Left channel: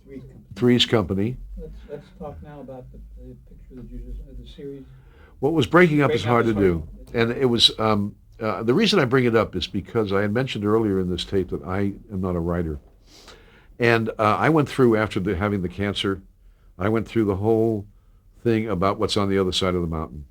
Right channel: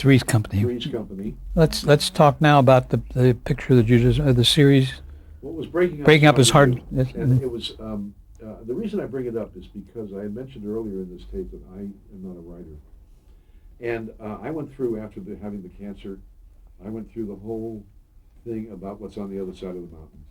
Three's Company. Three's Company. Let's talk now about the picture that you just the series. What was breaking up Breaking up is is hard hard. to do. And it was, the reason I bring it up is because I had mentioned earlier in this tape that I am not a writer. And I went through, after having the cancer, I went through the whole thing about what's on the other side of the mountain.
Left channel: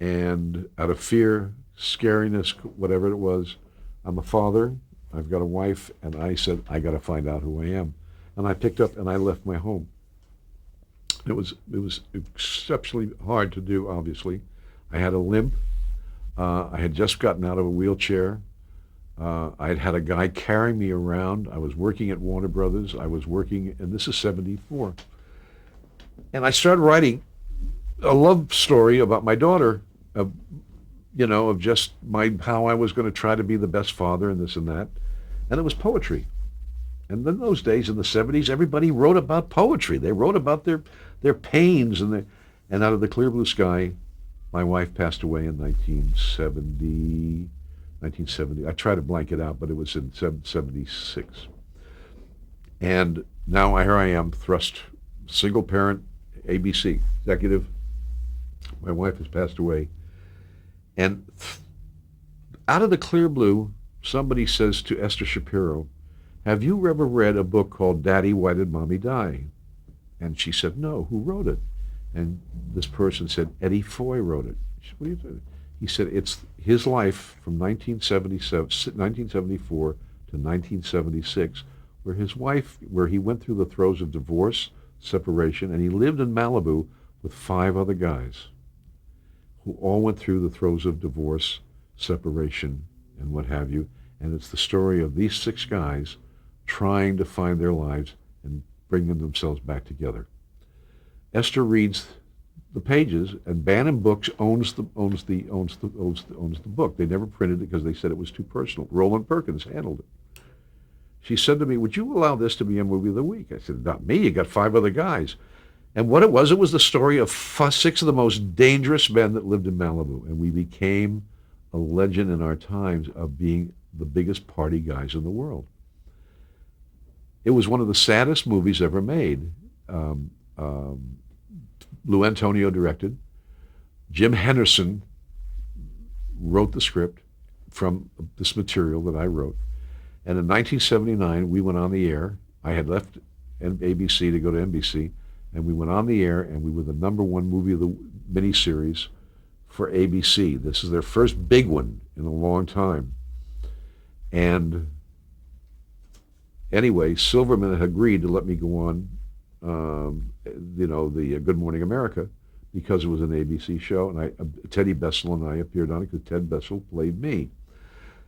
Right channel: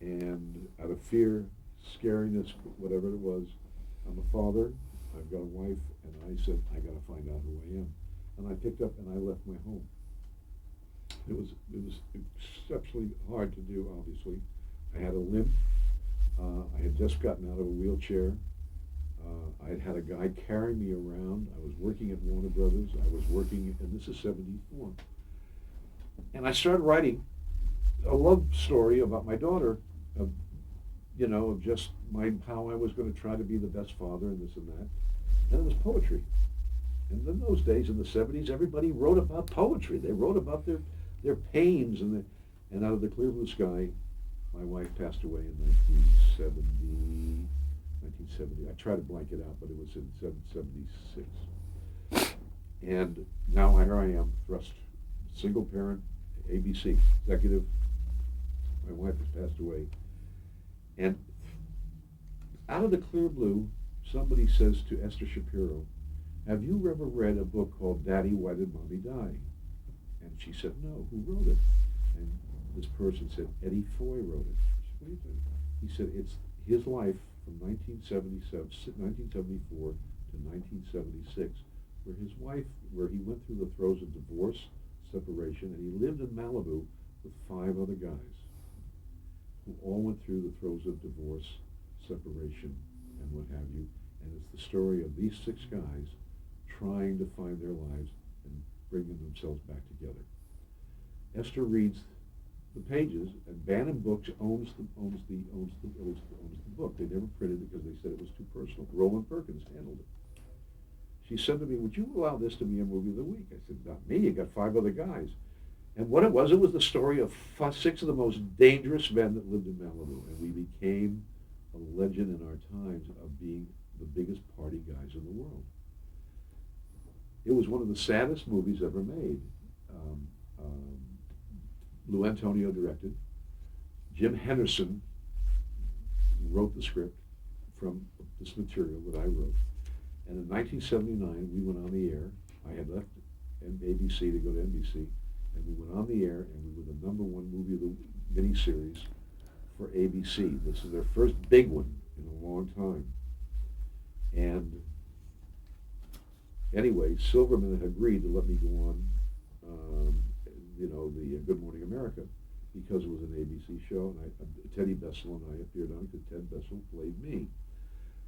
And out of fear, scariness, whatever it was, I'm a father, I've got a wife, and I said, I got to find out who I am. And I picked up and I left my home. It was exceptionally hard to do, obviously. I had a limp. I had just gotten out of a wheelchair. I had a guy carry me around. I was working at Warner Brothers. I was working, and this is 74. And I started writing a love story about my daughter, of just how I was going to try to be the best father and this and that. And it was poetry. And in those days, in the 70s, everybody wrote about poetry. They wrote about their pains, and out of the clear blue sky, my wife passed away in 1970. I try to blank it out, but it was in 76. And now here I am, thrust, single parent, ABC, executive. My wife has passed away. And out of the clear blue, somebody says to Esther Shapiro, have you ever read a book called Daddy, Why Did Mommy Die? And she said, no, who wrote it? And this person said, Eddie Foy wrote it. She said, what are you doing? He said, it's his life from 1974 to 1976, where he went through the throes of divorce, separation, and he lived in Malibu with 5 other guys who all went through the throes of divorce, separation, and what have you. And it's the story of these 6 guys trying to find their lives and bringing themselves back together. Esther reads the pages, and Bantam Books owns the book. They never printed it because they said it was too personal. Roland Perkins handled it. She said to me, would you allow this to be a movie of the week? I said, not me, you got 5 other guys. And what it was the story of 6 of the most dangerous men that lived in Malibu. And we became a legend in our times of being the biggest party guys in the world. It was one of the saddest movies ever made. Lou Antonio directed. Jim Henderson wrote the script from this material that I wrote. And in 1979, we went on the air. I had left ABC to go to NBC, and we went on the air, and we were the #1 movie of the miniseries for ABC. This is their first big one in a long time. And anyway, Silverman had agreed to let me go on, the Good Morning America, because it was an ABC show, and Teddy Bessel and I appeared on it because Ted Bessel played me.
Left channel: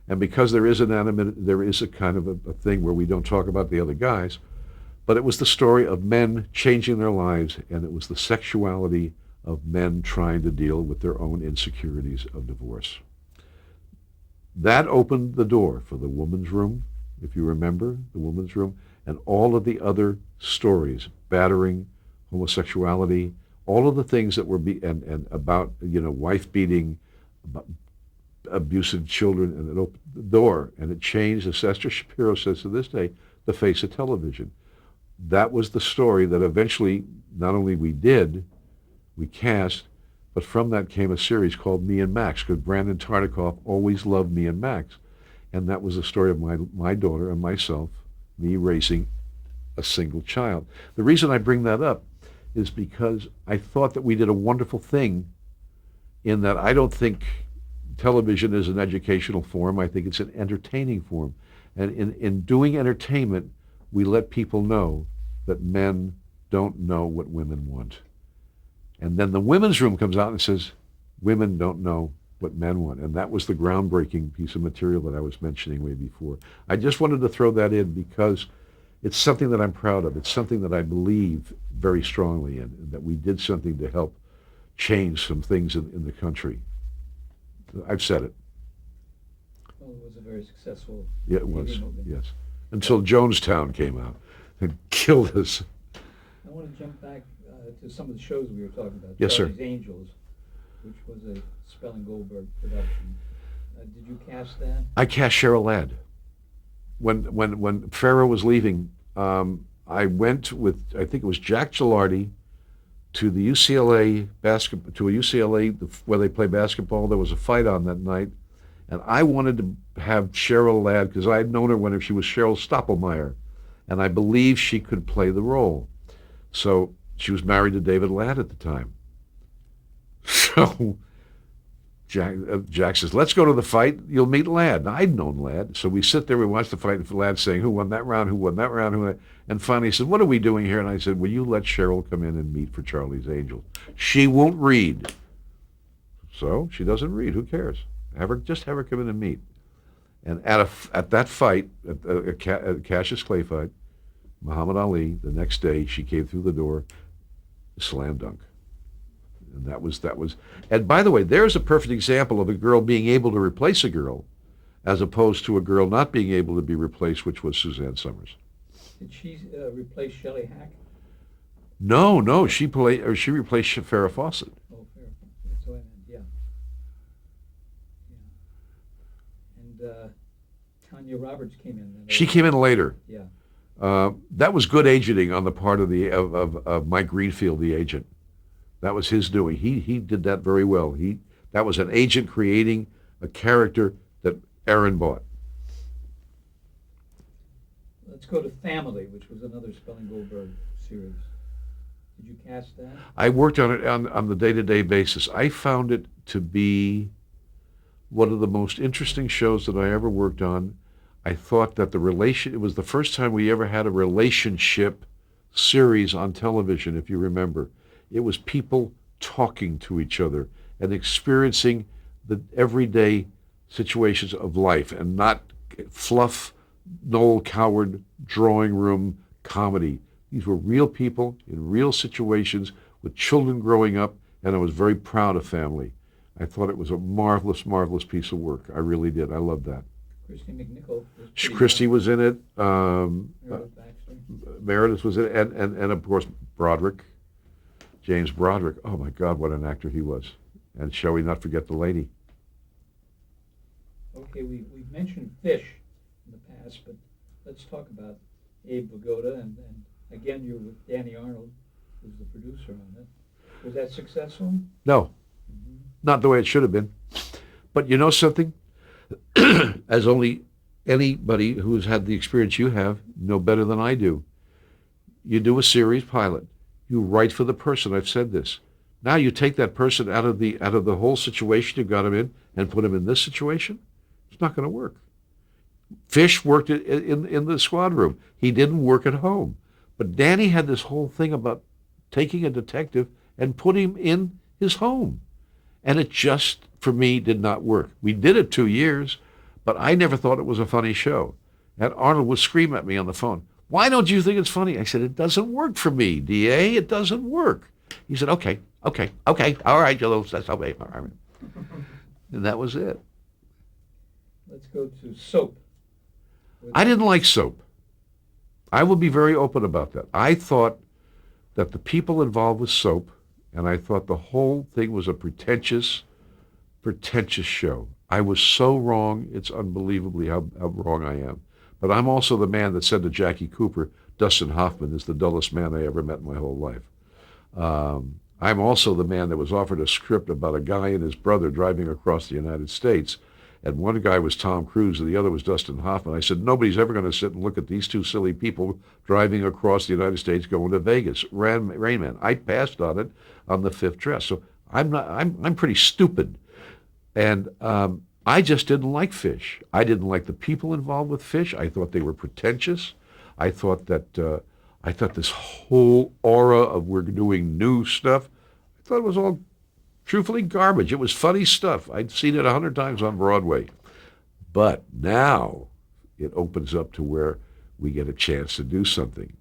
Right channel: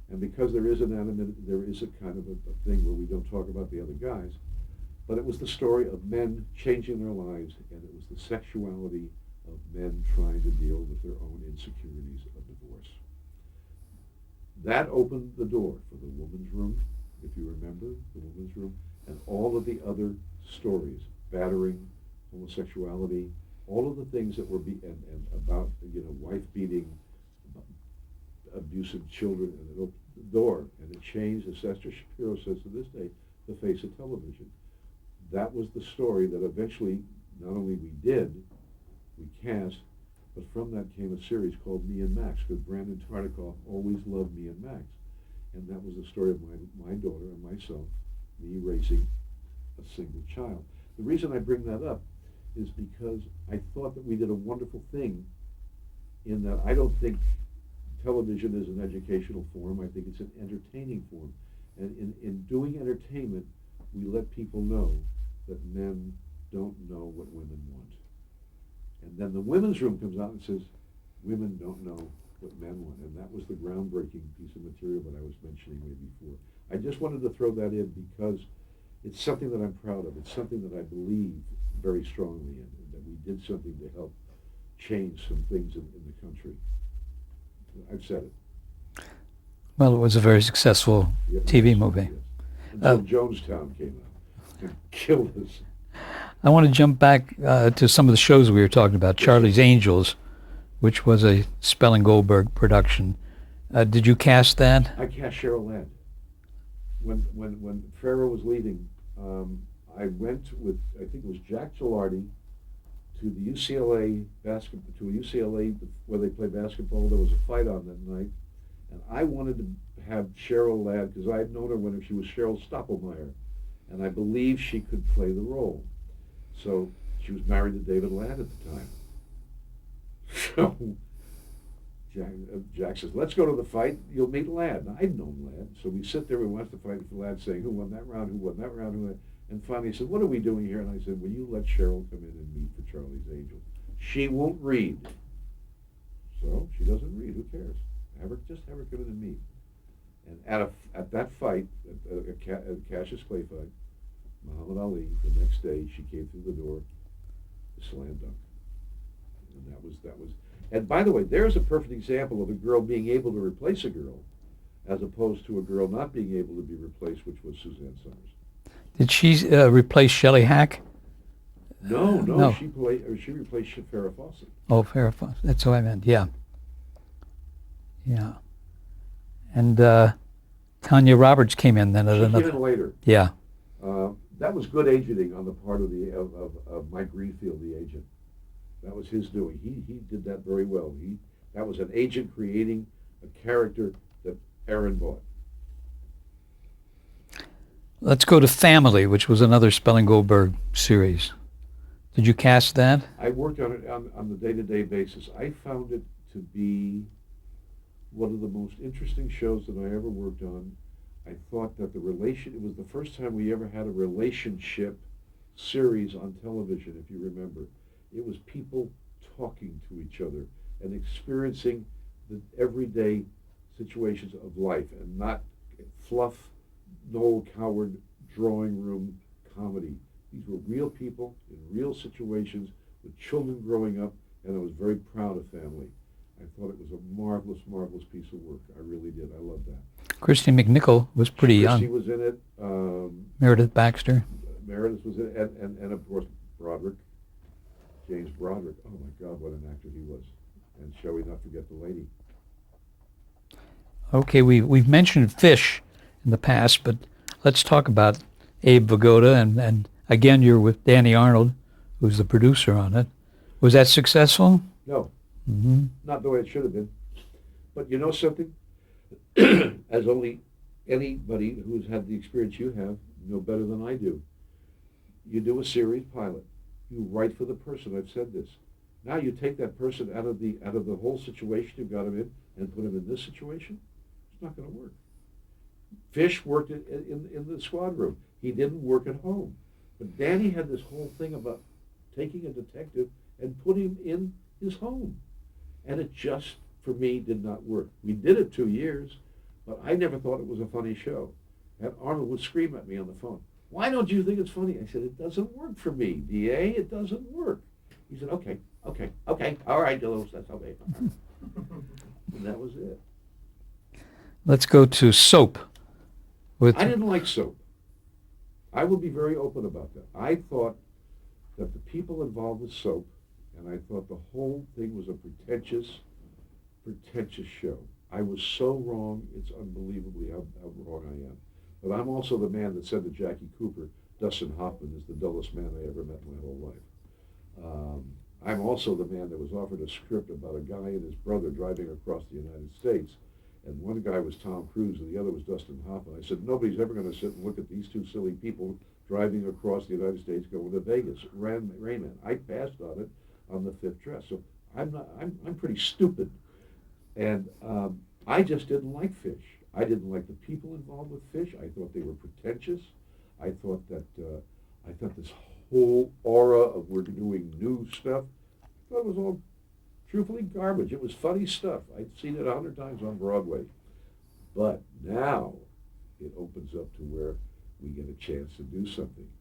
And because there is a kind of a thing where we don't talk about the other guys, but it was the story of men changing their lives, and it was the sexuality of men trying to deal with their own insecurities of divorce. That opened the door for The Woman's Room, if you remember, The Woman's Room, and all of the other stories, battering, homosexuality, all of the things that were and about, wife beating, about abusive children, and it opened the door, and it changed, as Esther Shapiro says to this day, the face of television. That was the story that eventually, not only we cast, but from that came a series called Me and Max, because Brandon Tartikoff always loved Me and Max. And that was the story of my daughter and myself, me raising a single child. The reason I bring that up is because I thought that we did a wonderful thing in that I don't think television is an educational form. I think it's an entertaining form. And in doing entertainment, we let people know that men don't know what women want. And then the Women's Room comes out and says, women don't know what men want. And that was the groundbreaking piece of material that I was mentioning way before. I just wanted to throw that in because it's something that I'm proud of. It's something that I believe very strongly in, that we did something to help change some things in the country. I've said it. Well, it was a very successful TV movie. Yes. Until Jonestown came out and killed us. I want to jump back to some of the shows we were talking about. Yes, Charlie's sir. Angels, which was a Spelling Goldberg production. Did you cast that? I cast Cheryl Ladd. When Farrah was leaving, I went with, I think it was Jack Gilardi, to the UCLA basketball, to a UCLA where they play basketball. There was a fight on that night, and I wanted to have Cheryl Ladd because I had known her when she was Cheryl Stoppelmeyer, and I believed she could play the role. So she was married to David Ladd at the time. So Jack says, let's go to the fight. You'll meet Ladd. And I'd known Ladd. So we sit there, we watch the fight, and Ladd saying, who won that round, who won that round, who won that? And finally he said, what are we doing here? And I said, will you let Cheryl come in and meet for Charlie's Angels? She won't read. So she doesn't read. Who cares? Just have her come in and meet. And at that fight, at Cassius Clay fight, Muhammad Ali, the next day, she came through the door, slam dunk. And that was, and by the way, there's a perfect example of a girl being able to replace a girl as opposed to a girl not being able to be replaced, which was Suzanne Summers. Did she replace Shelley Hack? No. She replaced Farrah Fawcett. Oh, Farrah Fawcett. That's what I meant. Yeah. And Tanya Roberts came in then. She came in later. Yeah. That was good agenting on the part of Mike Greenfield, the agent. That was his doing. He did that very well. That was an agent creating a character that Aaron bought. Let's go to Family, which was another Spelling Goldberg series. Did you cast that? I worked on it on the day-to-day basis. I found it to be one of the most interesting shows that I ever worked on. I thought that it was the first time we ever had a relationship series on television, if you remember. It was people talking to each other and experiencing the everyday situations of life and not fluff, Noel Coward drawing room comedy. These were real people in real situations with children growing up, and I was very proud of Family. I thought it was a marvelous, marvelous piece of work. I really did. I loved that. Christy McNichol was pretty Christy young. was in it. Meredith Baxter. Meredith was in it, and of course Broderick, James Broderick. Oh my God, what an actor he was! And shall we not forget the lady? Okay, we've mentioned Fish in the past, but let's talk about Abe Vigoda, and again you're with Danny Arnold, who's the producer on it. Was that successful? No, not the way it should have been. But you know something? As only anybody who's had the experience you have know better than I do. You do a series pilot. You write for the person. I've said this. Now you take that person out of the whole situation you got him in and put him in this situation. It's not going to work. Fish worked in the squad room. He didn't work at home. But Danny had this whole thing about taking a detective and putting him in his home. And it just, for me, did not work. We did it 2 years, but I never thought it was a funny show. And Arnold would scream at me on the phone, why don't you think it's funny? I said, it doesn't work for me, D.A. It doesn't work. He said, okay, all right, that's okay. All right. And that was it. Let's go to Soap. I didn't like Soap. I will be very open about that. I thought that the people involved with Soap, and I thought the whole thing was a pretentious show. I was so wrong. It's unbelievably how wrong I am. But I'm also the man that said to Jackie Cooper, Dustin Hoffman is the dullest man I ever met in my whole life. I'm also the man that was offered a script about a guy and his brother driving across the United States. And one guy was Tom Cruise and the other was Dustin Hoffman. I said, nobody's ever going to sit and look at these two silly people driving across the United States going to Vegas. Rain Man. I passed on it on the fifth dress. So I'm pretty stupid. And I just didn't like Fish. I didn't like the people involved with Fish. I thought they were pretentious. I thought that this whole aura of we're doing new stuff, I thought it was all truthfully garbage. It was funny stuff. I'd seen it 100 times on Broadway. But now it opens up to where we get a chance to do something.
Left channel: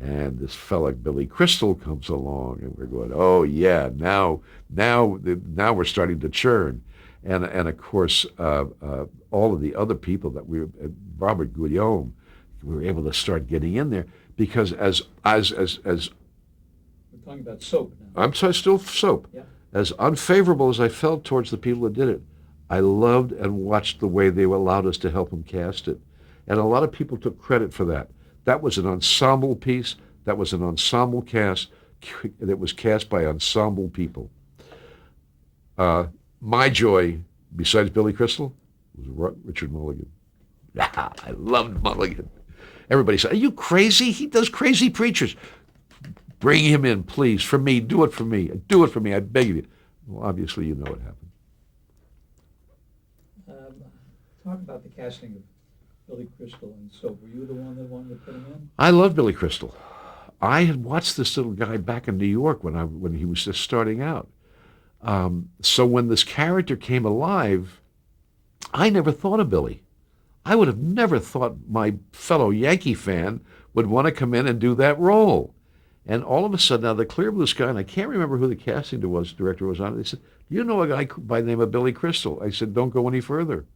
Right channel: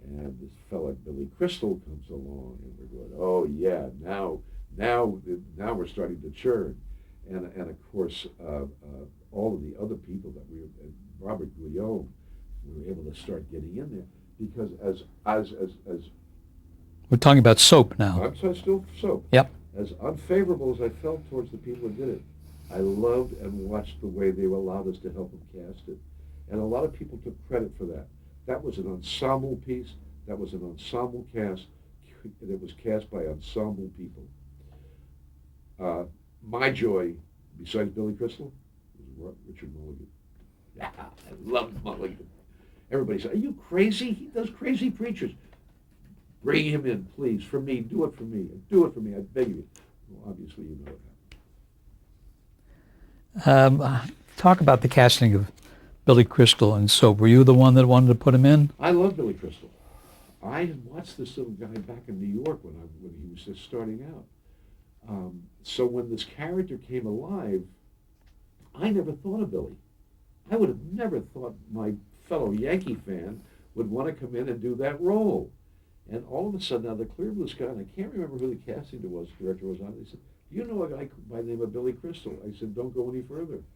And this fella, Billy Crystal, comes along, and we're going, oh, yeah, now we're starting to churn. And of course, all of the other people that Robert Guillaume, we were able to start getting in there because as we're talking about Soap now. I'm still Soap. Yep. As unfavorable as I felt towards the people that did it, I loved and watched the way they allowed us to help them cast it. And a lot of people took credit for that. That was an ensemble piece. That was an ensemble cast that was cast by ensemble people. My joy, besides Billy Crystal, was Richard Mulligan. I loved Mulligan. Everybody said, "Are you crazy? He does crazy preachers. Bring him in, please, for me. Do it for me. Do it for me. I beg you." Well, obviously, you know what happened. Talk about the casting of Billy Crystal and Soap. Were you the one that wanted to put him in? I love Billy Crystal. I had watched this little guy back in New York when he was just starting out. So when this character came alive, I never thought of Billy. I would have never thought my fellow Yankee fan would want to come in and do that role. And all of a sudden, out of the clear blue sky, and I can't remember who the casting director was on it, they said, "You know a guy by the name of Billy Crystal?" I said, "Don't go any further."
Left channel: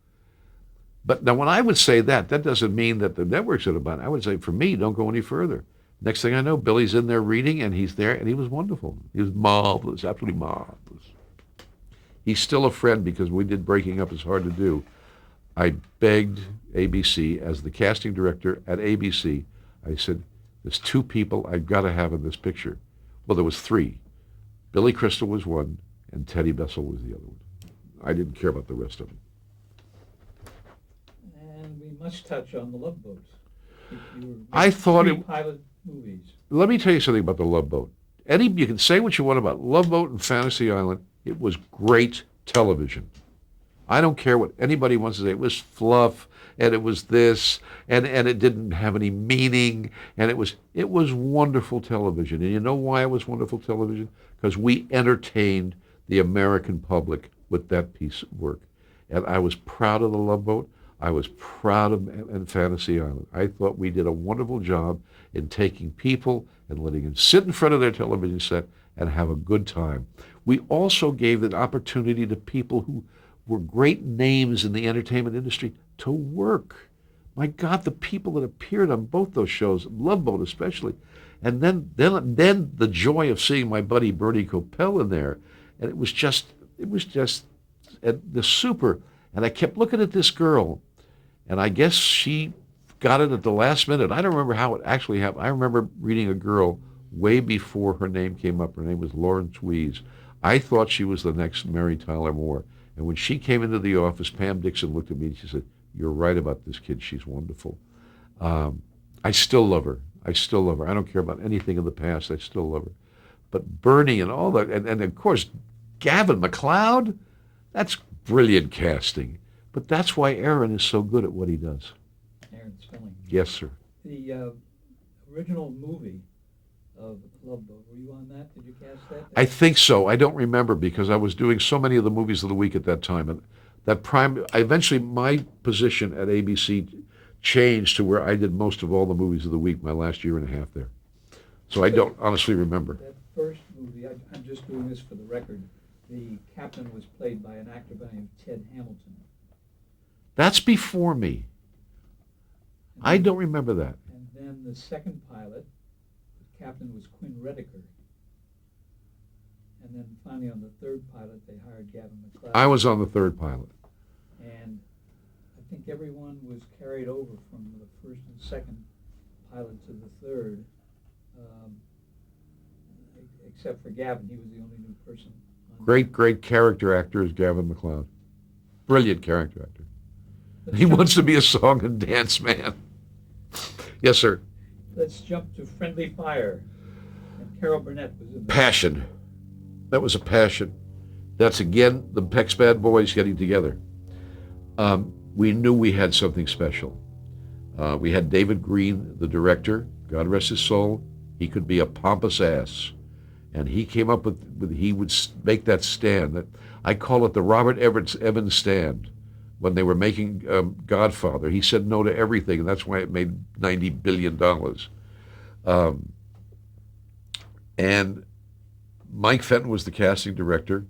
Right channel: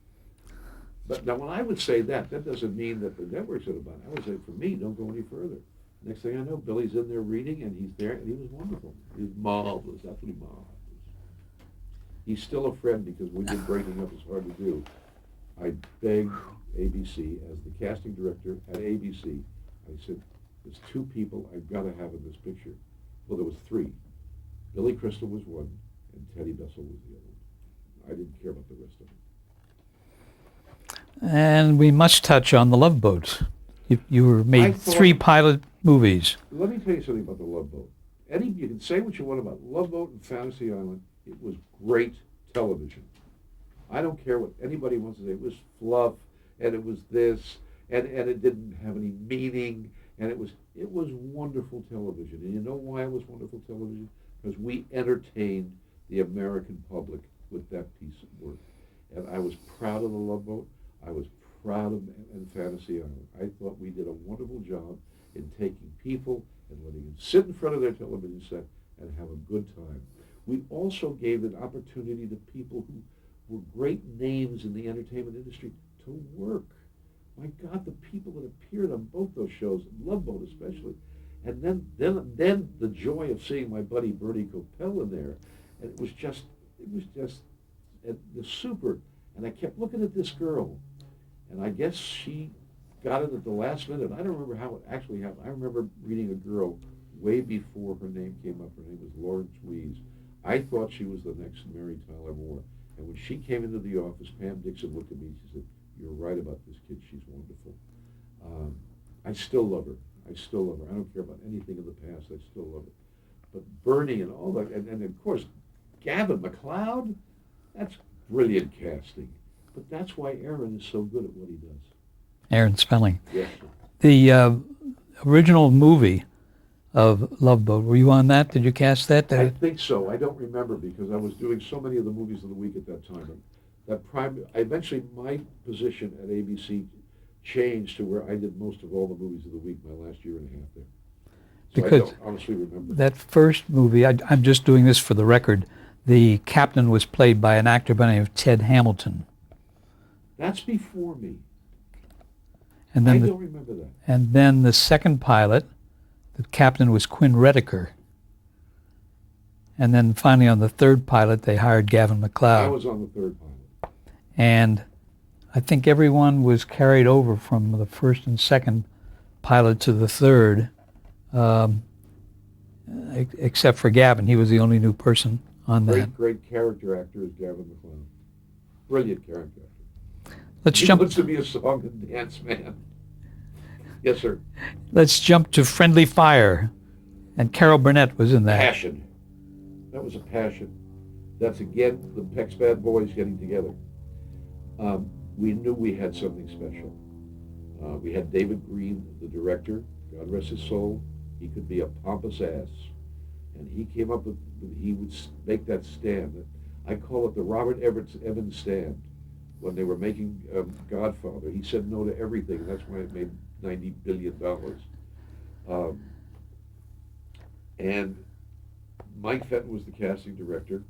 But now when I would say that doesn't mean that the networks would have done it. I would say, for me, don't go any further. Next thing I know, Billy's in there reading, and he's there, and he was wonderful. He was marvelous, absolutely marvelous. He's still a friend because we did Breaking Up is Hard to Do. I begged ABC, as the casting director at ABC, I said, "There's two people I've got to have in this picture." Well, there was three. Billy Crystal was one, and Teddy Bessel was the other one. I didn't care about the rest of them. And we must touch on The Love Boat. You were I made thought 3 it- pilot movies. Let me tell you something about The Love Boat. Eddie, you can say what you want about Love Boat and Fantasy Island. It was great television. I don't care what anybody wants to say. It was fluff, and it was this, and it didn't have any meaning, and it was wonderful television. And you know why it was wonderful television? Because we entertained the American public with that piece of work. And I was proud of The Love Boat. I was proud of and Fantasy Island. I thought we did a wonderful job in taking people and letting them sit in front of their television set and have a good time. We also gave an opportunity to people who were great names in the entertainment industry to work. My God, the people that appeared on both those shows, Love Boat especially, and then the joy of seeing my buddy Bernie Kopell in there, and it was just the super. And I kept looking at this girl, and I guess she got it at the last minute. I don't remember how it actually happened. I remember reading a girl way before her name came up. Her name was Lauren Tweez. I thought she was the next Mary Tyler Moore. And when she came into the office, Pam Dixon looked at me and she said, "You're right about this kid. She's wonderful." I still love her. I still love her. I don't care about anything in the past. I still love her. But Bernie and all that, and of course, Gavin MacLeod, that's brilliant casting. But that's why Aaron is so good at what he does. Aaron Spelling. Yes, sir. The original movie of Love Boat, were you on that? Did you cast that? I think so. I don't remember because I was doing so many of the movies of the week at that time. And eventually my position at ABC changed to where I did most of all the movies of the week my last year and a half there. So Because I don't honestly remember. That first movie, I'm just doing this for the record, the captain was played by an actor by the name of Ted Hamilton. That's before me. And I then don't remember that. And then the second pilot, the captain was Quinn Redeker. And then finally on the third pilot, they hired Gavin MacLeod. I was on the third pilot. And I think everyone was carried over from the first and second pilot to the third, except for Gavin. He was the only new person on that. Great character actor is Gavin MacLeod. Brilliant character actor. He Jump. wants to be a song and dance man. Yes, sir. Let's jump to Friendly Fire. And Carol Burnett was in that. Passion. That was a passion. That's, again, the Peck's Bad Boys getting together. We knew we had something special. We had David Green, the director, God rest his soul. He could be a pompous ass. And he came up with he would make that stand. That I call it the Robert Evans stand. When they were making Godfather, he said no to everything, and that's why it made $90 billion. And Mike Fenton was the casting director,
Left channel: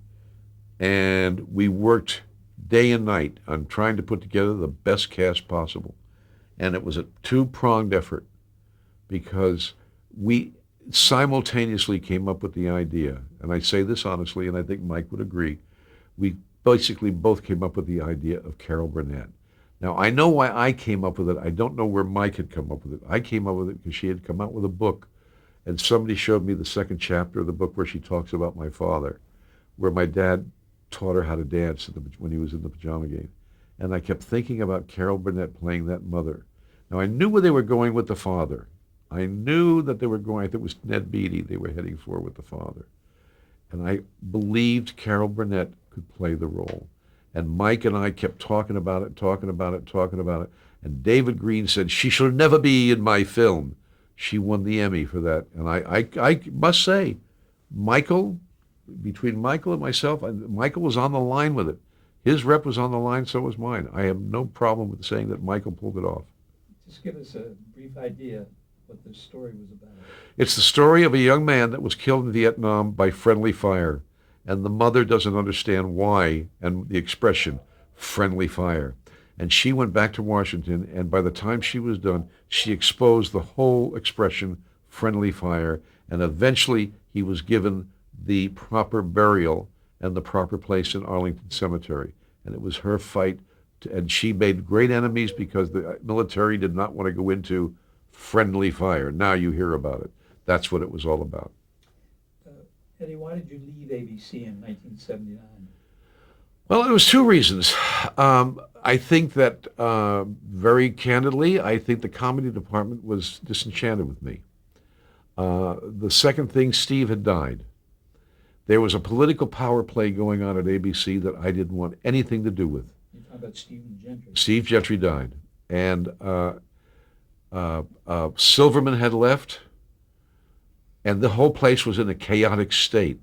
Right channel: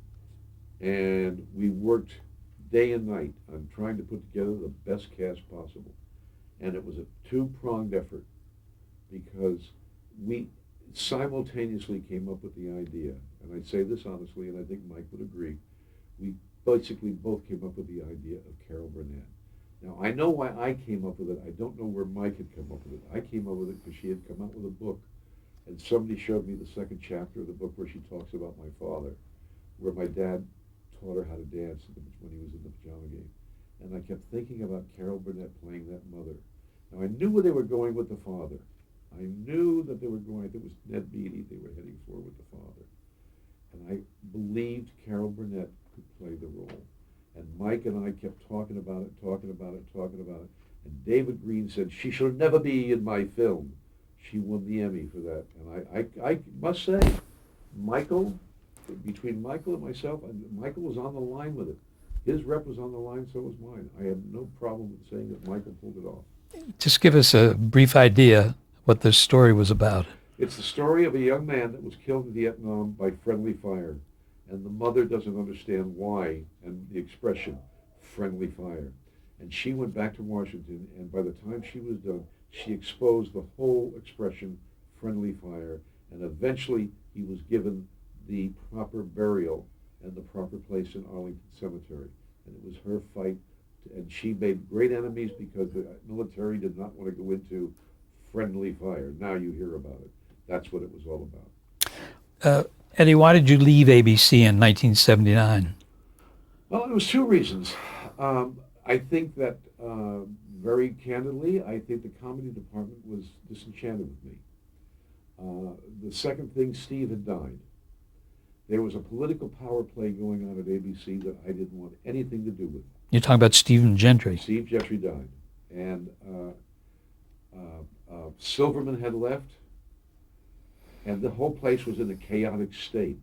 and we worked day and night on trying to put together the best cast possible. And it was a two-pronged effort because we simultaneously came up with the idea, and I say this honestly, and I think Mike would agree, we basically both came up with the idea of Carol Burnett. Now, I know why I came up with it. I don't know where Mike had come up with it. I came up with it because she had come out with a book, and somebody showed me the second chapter of the book where she talks about my father, where my dad taught her how to dance when he was in the pajama game. And I kept thinking about Carol Burnett playing that mother. Now, I knew where they were going with the father. I knew that they were going, I think it was Ned Beatty they were heading for with the father. And I believed Carol Burnett could play the role. And Mike and I kept talking about it. And David Green said, she shall never be in my film. She won the Emmy for that. And I must say, between Michael and myself, Michael was on the line with it. His rep was on the line, so was mine. I have no problem with saying that Michael pulled it off. Just give us a brief idea what this story was about. It's the story of a young man that was killed in Vietnam by friendly fire. And the mother doesn't understand why and the expression, friendly fire. And she went back to Washington, and by the time she was done, she exposed the whole expression, friendly fire, and eventually he was given the proper burial and the proper place in Arlington Cemetery. And it was her fight, and she made great enemies because the military did not want to go into friendly fire. Now you hear about it. That's what it was all about. Eddie, why did you leave ABC in 1979? Well, it was two reasons. I think that, very candidly, I think the comedy department was disenchanted with me. The second thing, Steve had died. There was a political power play going on at ABC that I didn't want anything to do with. You're talking about Stephen Gentry. Steve Gentry died. And Silverman had left. And the whole place was in a chaotic state.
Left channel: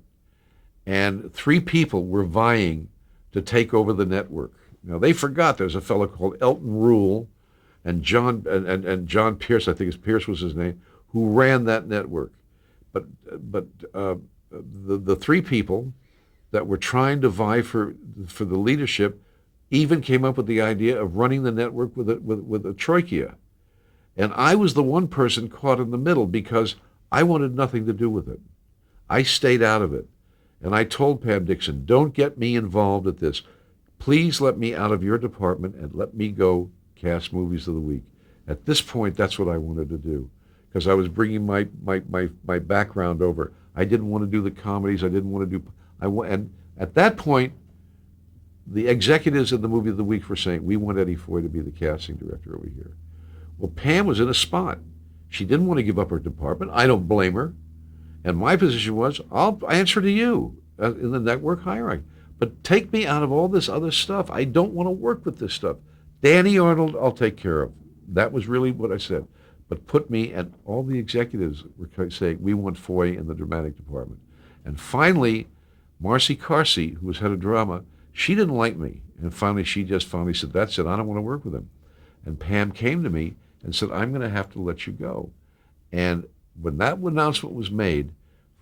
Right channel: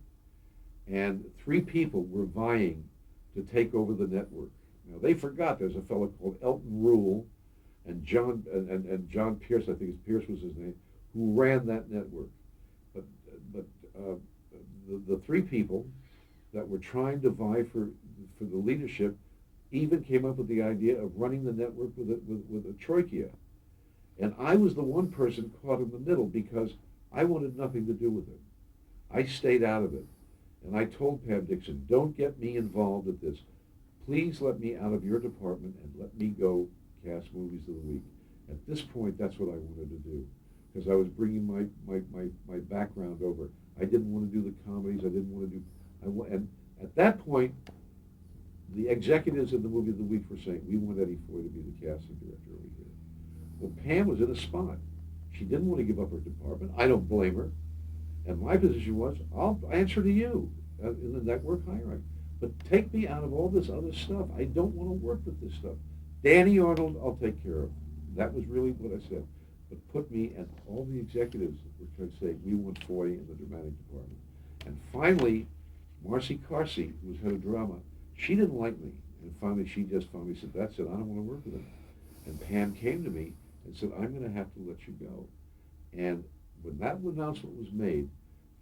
And three people were vying to take over the network. Now, they forgot there's a fellow called Elton Rule and John Pierce, I think Pierce was his name, who ran that network. But the three people that were trying to vie for the leadership even came up with the idea of running the network with a troika. And I was the one person caught in the middle because I wanted nothing to do with it. I stayed out of it. And I told Pam Dixon, don't get me involved at this. Please let me out of your department and let me go cast movies of the week. At this point, that's what I wanted to do because I was bringing my background over. I didn't want to do the comedies. I didn't want to do, and at that point, the executives of the movie of the week were saying, we want Eddie Foy to be the casting director over here. Well, Pam was in a spot. She didn't want to give up her department. I don't blame her. And my position was, I'll answer to you in the network hierarchy. But take me out of all this other stuff. I don't want to work with this stuff. Danny Arnold, I'll take care of. That was really what I said. But put me, and all the executives were saying, we want Foy in the dramatic department. And finally, Marcy Carsey, who was head of drama, she didn't like me. And finally, she just finally said, that's it, I don't want to work with him. And Pam came to me and said, I'm going to have to let you go. And when that announcement was made,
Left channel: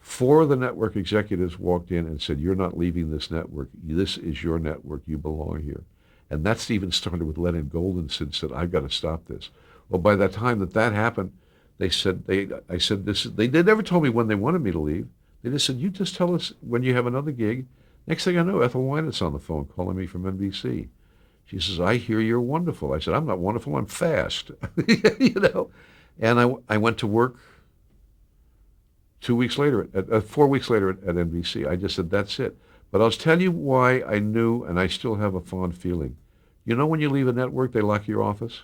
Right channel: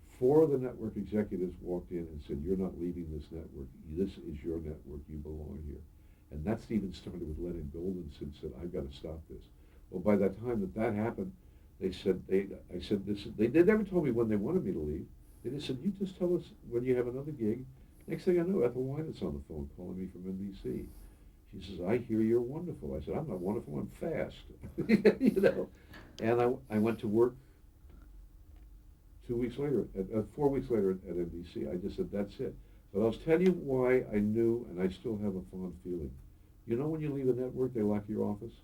4 of the network executives walked in and said, you're not leaving this network. This is your network. You belong here. And that's even started with Leonard Goldenson said, I've got to stop this. Well, by the time that happened, they said, I said, they never told me when they wanted me to leave. They just said, you just tell us when you have another gig. Next thing I know, Ethel Wynant's on the phone calling me from NBC. She says, I hear you're wonderful. I said, I'm not wonderful, I'm fast. And I went to work 4 weeks later at NBC. I just said, that's it. But I'll tell you why I knew, and I still have a fond feeling. You know when you leave a network, they lock your office?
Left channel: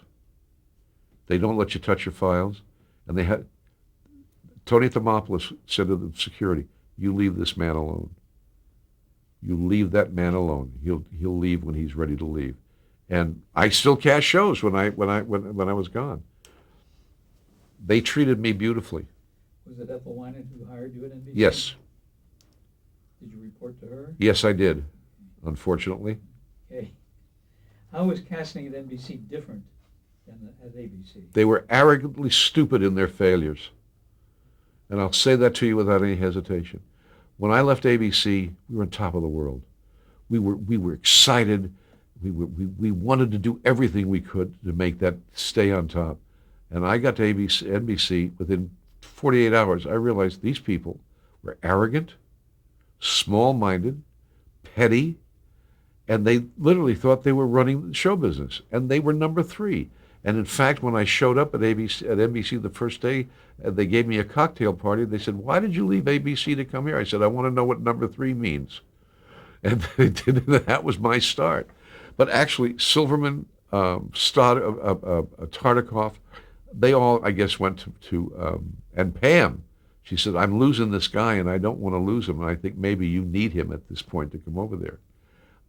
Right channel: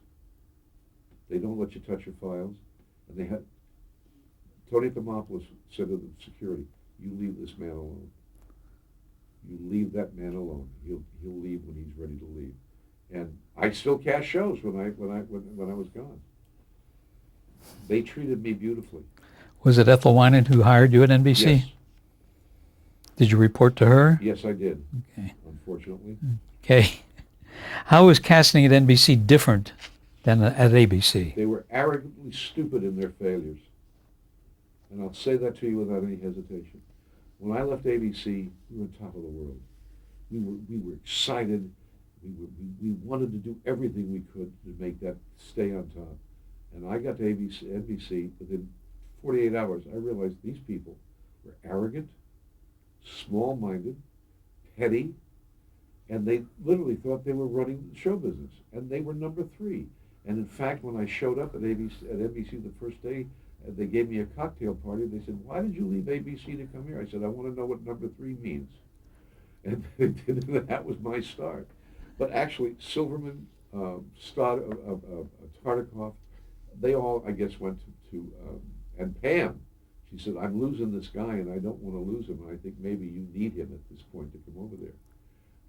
They don't let you touch your files. And Tony Thermopoulos said to the security, you leave this man alone. You leave that man alone. He'll leave when he's ready to leave. And I still cast shows when I was gone. They treated me beautifully. Was it Ethel Wynant who hired you at NBC? Yes. Did you report to her? Yes, I did. Okay. Unfortunately. Okay. How was casting at NBC different than at ABC? They were arrogantly stupid in their failures. And I'll say that to you without any hesitation. When I left ABC, we were on top of the world. We were excited. We wanted to do everything we could to make that stay on top. And I got to NBC within 48 hours. I realized these people were arrogant, small-minded, petty, And they literally thought they were running the show business, and they were number 3. And in fact, when I showed up at NBC the first day, they gave me a cocktail party. They said, "Why did you leave ABC to come here?" I said, "I want to know what number 3 means." And that was my start. But actually, Silverman, Tartikoff, they all, I guess, went and Pam, she said, "I'm losing this guy, and I don't want to lose him, and I think maybe you need him at this point to come over there."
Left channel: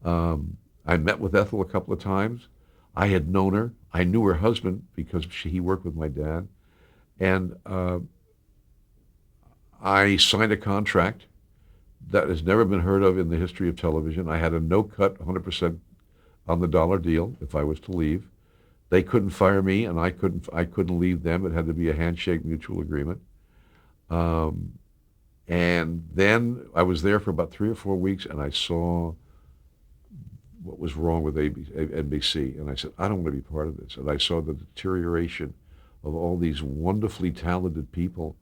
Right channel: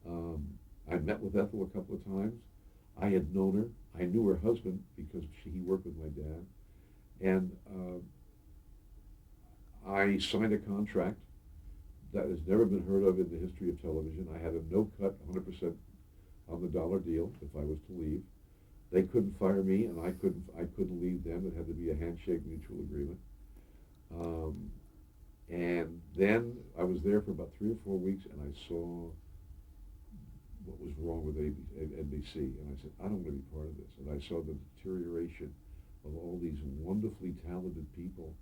I met with Ethel a couple of times. I had known her. I knew her husband because he worked with my dad. And I signed a contract that has never been heard of in the history of television. I had a no-cut, 100% on the dollar deal if I was to leave. They couldn't fire me, and I couldn't leave them. It had to be a handshake mutual agreement. And then I was there for about 3 or 4 weeks, and I saw what was wrong with NBC. And I said, I don't want to be part of this. And I saw the deterioration of all these wonderfully talented people,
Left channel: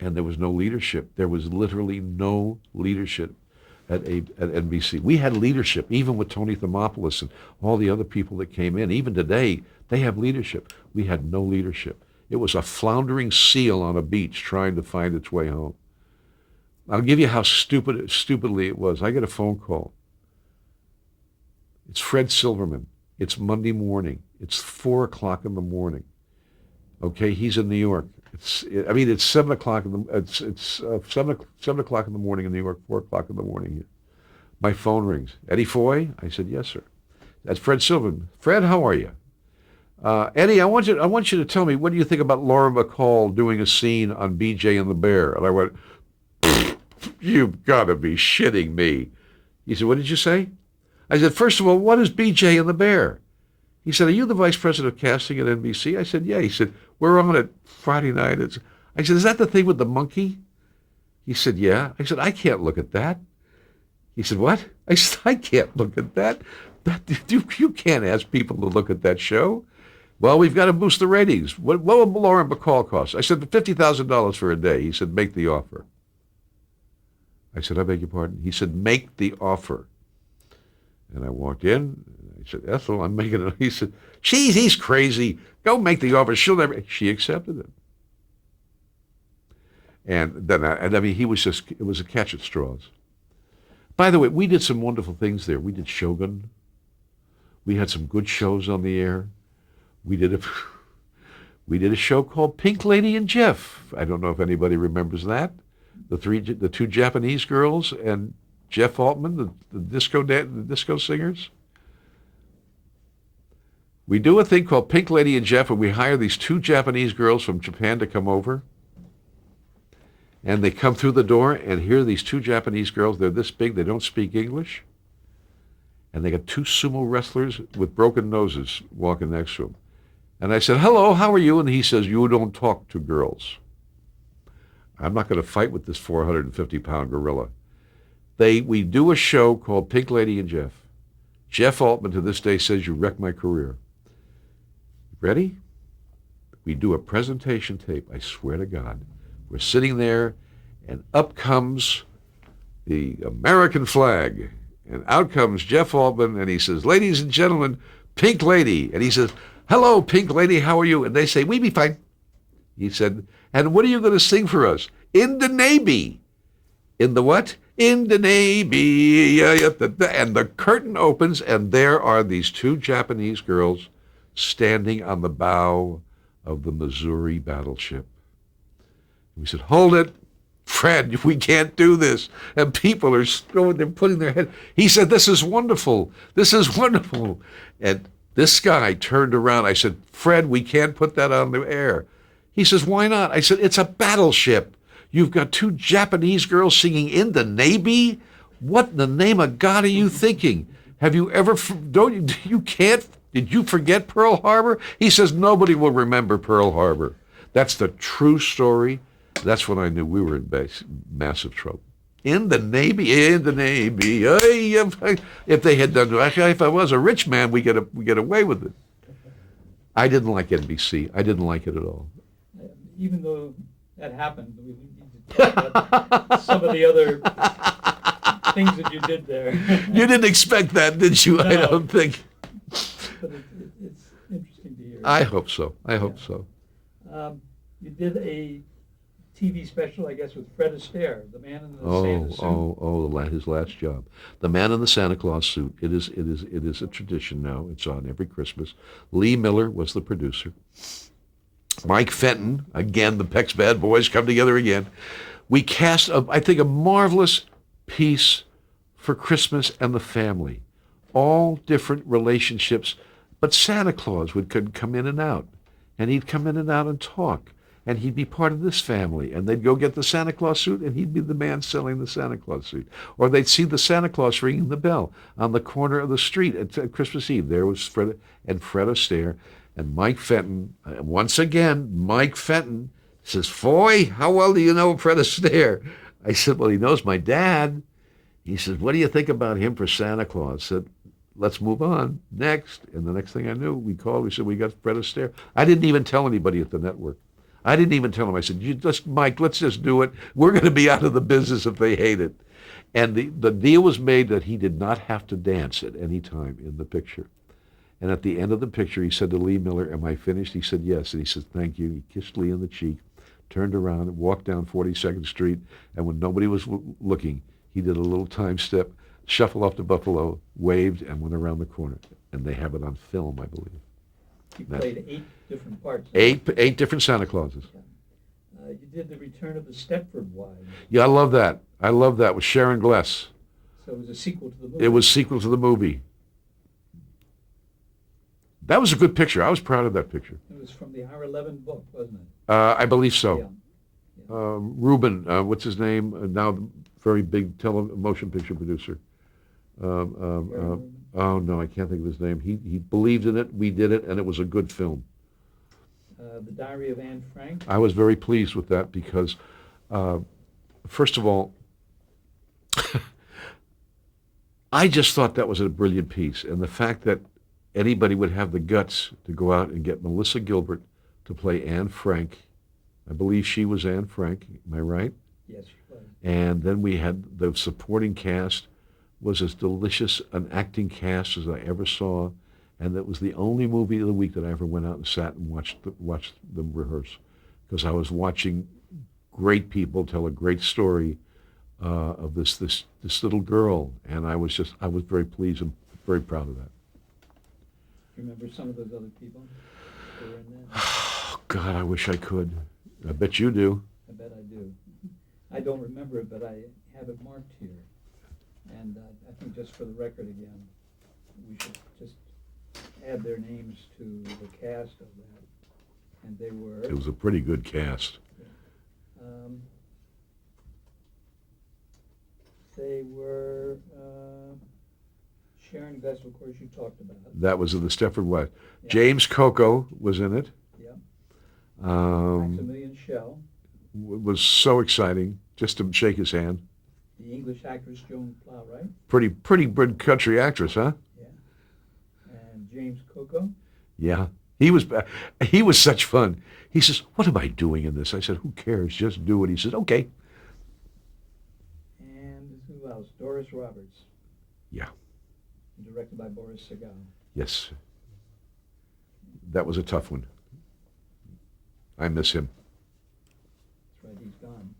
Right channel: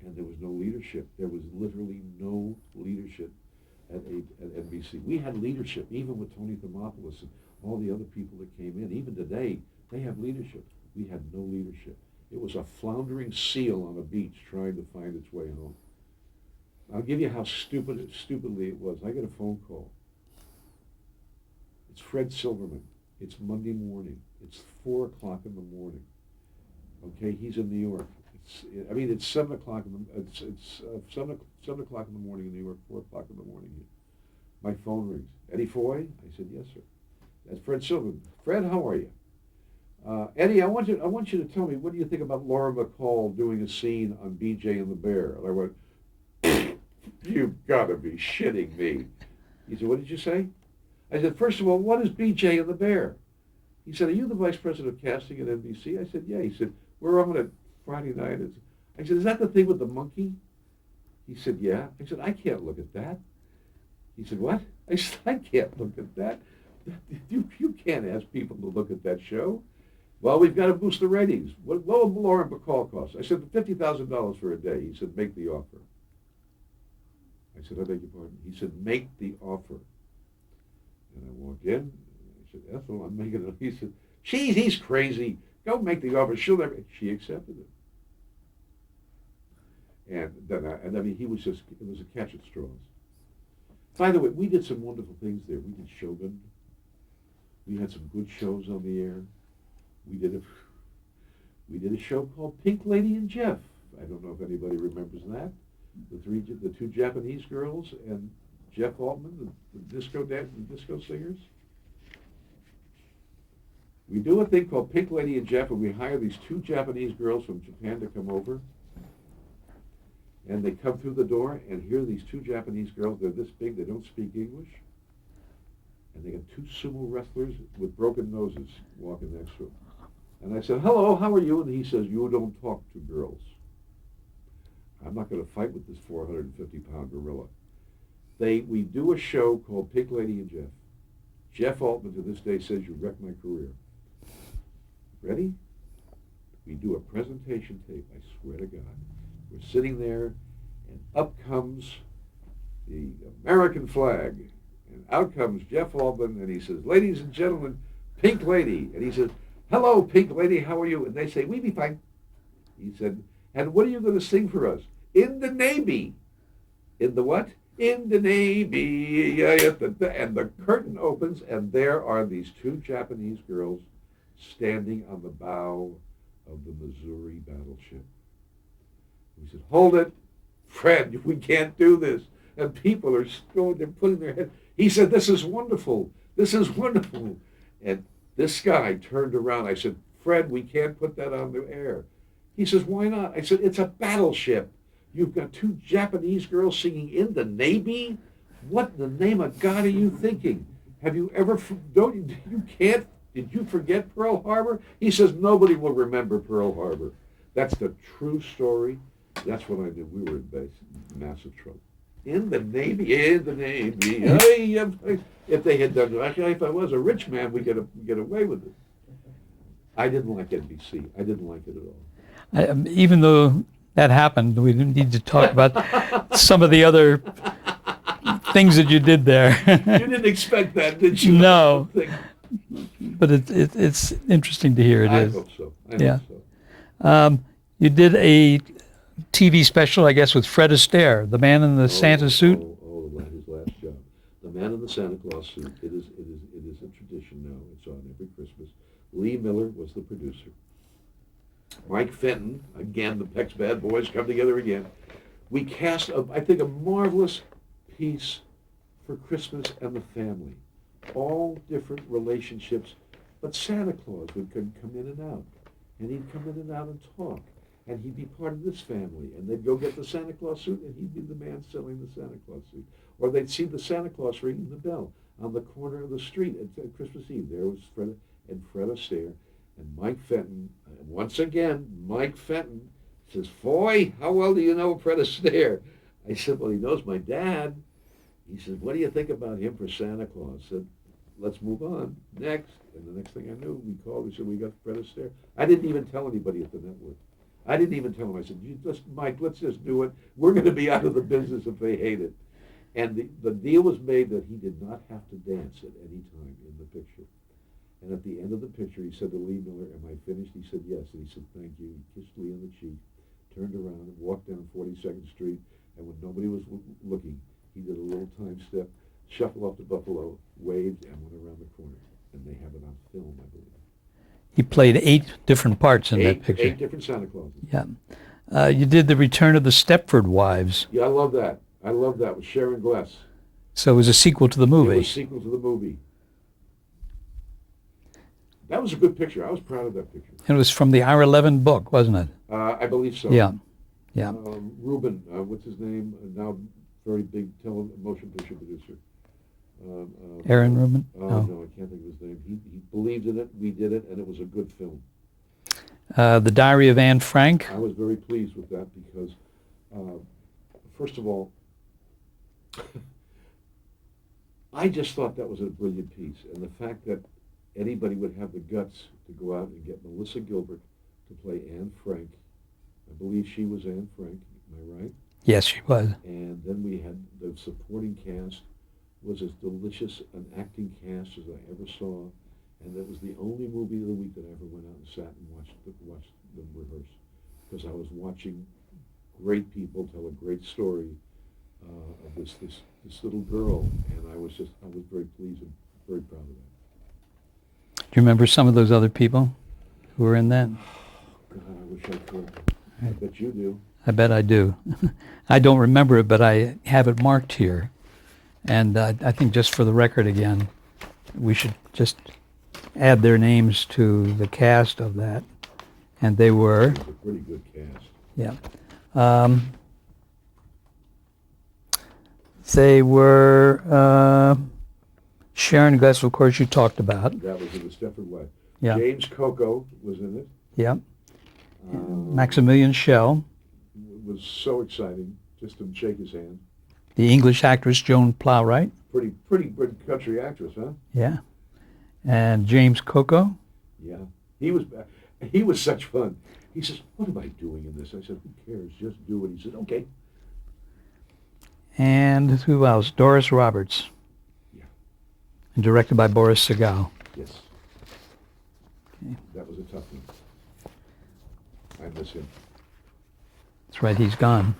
and there was no leadership. There was literally no leadership at NBC. We had leadership, even with Tony Thermopoulos and all the other people that came in. Even today, they have leadership. We had no leadership. It was a floundering seal on a beach trying to find its way home. I'll give you how stupidly it was. I get a phone call. It's Fred Silverman. It's Monday morning. It's 4 o'clock in the morning. Okay, he's in New York. It's 7 o'clock it's 7 o'clock in the morning in New York, 4 o'clock in the morning here. My phone rings. Eddie Foy? I said, "Yes, sir." That's Fred Silverman. "Fred, how are you?" "Eddie, I want you to tell me, what do you think about Laura McCall doing a scene on BJ and the Bear?" And I went, "You've got to be shitting me." He said, "What did you say?" I said, "First of all, what is BJ and the Bear?" He said, "Are you the vice president of casting at NBC?" I said, "Yeah." He said, "We're on it Friday night." I said, "Is that the thing with the monkey?" He said, "Yeah." I said, "I can't look at that." He said, "What?" I said, "I can't look at that. You can't ask people to look at that show." "Well, we've got to boost the ratings. What will Lauren Bacall cost?" I said, $50,000 for a day. He said, "Make the offer." I said, "I beg your pardon?" He said, "Make the offer." And I walked in. I said, "Ethel, I'm making it." He said, "Geez, he's crazy. Go make the offer. She'll never." She accepted it. And then, it was a catch at straws. By the way, we did some wonderful things there. We did Shogun. We had some good shows on the air. We did a show called Pink Lady and Jeff. I don't know if anybody remembers that. The 2 Japanese girls and Jeff Altman, the disco singers. We do a thing called Pink Lady and Jeff, and we hire these 2 Japanese girls from Japan to come over. And they come through the door, and here are these 2 Japanese girls. They're this big. They don't speak English. And they got 2 sumo wrestlers with broken noses walking next to them. And I said, "Hello, how are you?" And he says, "You don't talk to girls." I'm not going to fight with this 450-pound gorilla. We do a show called Pink Lady and Jeff. Jeff Altman to this day says, "You wrecked my career." Ready? We do a presentation tape, I swear to God. We're sitting there, and up comes the American flag. And out comes Jeff Altman, and he says, "Ladies and gentlemen, Pink Lady." And he says, "Hello, Pink Lady, how are you?" And they say, "We be fine." He said, "And what are you going to sing for us?" "In the Navy." "In the what?" "In the Navy." And the curtain opens, and there are these 2 Japanese girls standing on the bow of the Missouri battleship. We said, "Hold it, Fred, we can't do this." And people are they're putting their head. He said, "This is wonderful. This is wonderful." And this guy turned around. I said, "Fred, we can't put that on the air." He says, "Why not?" I said, "It's a battleship. You've got 2 Japanese girls singing In the Navy? What in the name of God are you thinking? Have you ever, did you forget Pearl Harbor?" He says, "Nobody will remember Pearl Harbor." That's the true story. That's when I knew we were in massive trouble. In the Navy, in the Navy. If they had done, if I was a rich man, we get away with it. I didn't like NBC. I didn't like it at all. Even though that happened, we didn't need to talk about some of the other things that you did there. You didn't expect that, did you? No. I don't think. But it's interesting to hear. It I is. hope so. I Yeah. hope so. You did a TV special, I guess, with Fred Astaire, the man in the Santa suit. His last job. The Man in the Santa Claus Suit. It is a tradition now. It's on every Christmas. Lee Miller was the producer. Mike Fenton, again, the Peck's Bad Boys come together again. We cast, I think, a marvelous piece for Christmas and the family. All different relationships, but Santa Claus could come in and out, and he'd come in and out and talk, and he'd be part of this family, and they'd go get the Santa Claus suit, and he'd be the man selling the Santa Claus suit. Or they'd see the Santa Claus ringing the bell on the corner of the street at Christmas Eve. There was Fred Astaire, and Mike Fenton. Once again, Mike Fenton says, "Foy, how well do you know Fred Astaire?" I said, "Well, he knows my dad." He says, "What do you think about him for Santa Claus?" I said, "Let's move on. Next." And the next thing I knew, we called. We said, "We got Fred Astaire." I didn't even tell anybody at the network. I didn't even tell him. I said, Mike, let's just do it. We're going to be out of the business if they hate it." And the deal was made that he did not have to dance at any time in the picture. And at the end of the picture, he said to Lee Miller, "Am I finished?" He said, "Yes." And he said, "Thank you." He kissed Lee on the cheek, turned around, and walked down 42nd Street. And when nobody was looking, he did a little time step, shuffle off to Buffalo, waved, and went around the corner. And they have it on film, I believe. He played 8 different parts in that picture. 8 different Santa Clauses. Yeah. You did The Return of the Stepford Wives. Yeah, I love that. I love that with Sharon Gless. So it was a sequel to the movie. It was a sequel to the movie. That was a good picture. I was proud of that picture. And it was from the R11 book, wasn't it? I believe so. Yeah. Yeah. Rubin, what's his name? Now very big motion picture producer. Aaron Rubin? No, I can't think of his name. He believed in it. We did it, and it was a good film. The Diary of Anne Frank. I was very pleased with that because, first of all, I just thought that was a brilliant piece. And the fact that anybody would have the guts to go out and get Melissa Gilbert to play Anne Frank. I believe she was Anne Frank. Am I right? Yes, she was. And then we had the supporting cast was as delicious an acting cast as I ever saw, and that was the only movie of the week that I ever went out and sat and watched them rehearse, because I was watching great people tell a great story of this little girl, and I was very pleased and very proud of that. Do you remember some of those other people who were in that? Oh, God, I wish I could. I bet you do. I bet I do. I don't remember it, but I have it marked here. And I think just for the record again, we should just add their names to the cast of that. And they were... It was a pretty good cast. Yeah. They were Sharon Gless, of course, you talked about. That was in the Stepford Wives. Yeah. James Coco was in it. Yeah. Maximilian Schell. Was so exciting just to shake his hand. The English actress Joan Plowright. Pretty good country actress, huh? Yeah. And James Coco. Yeah. He was such fun. He says, "What am I doing in this?" I said, "Who cares? Just do it." He said, "Okay." And who else? Doris Roberts. Yeah. And directed by Boris Sagal. Yes. That was a tough one. I miss him. That's right, he's gone.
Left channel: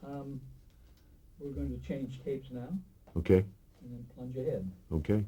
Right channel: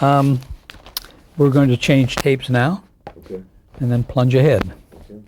We're going to change tapes now Okay. and then plunge ahead. Okay.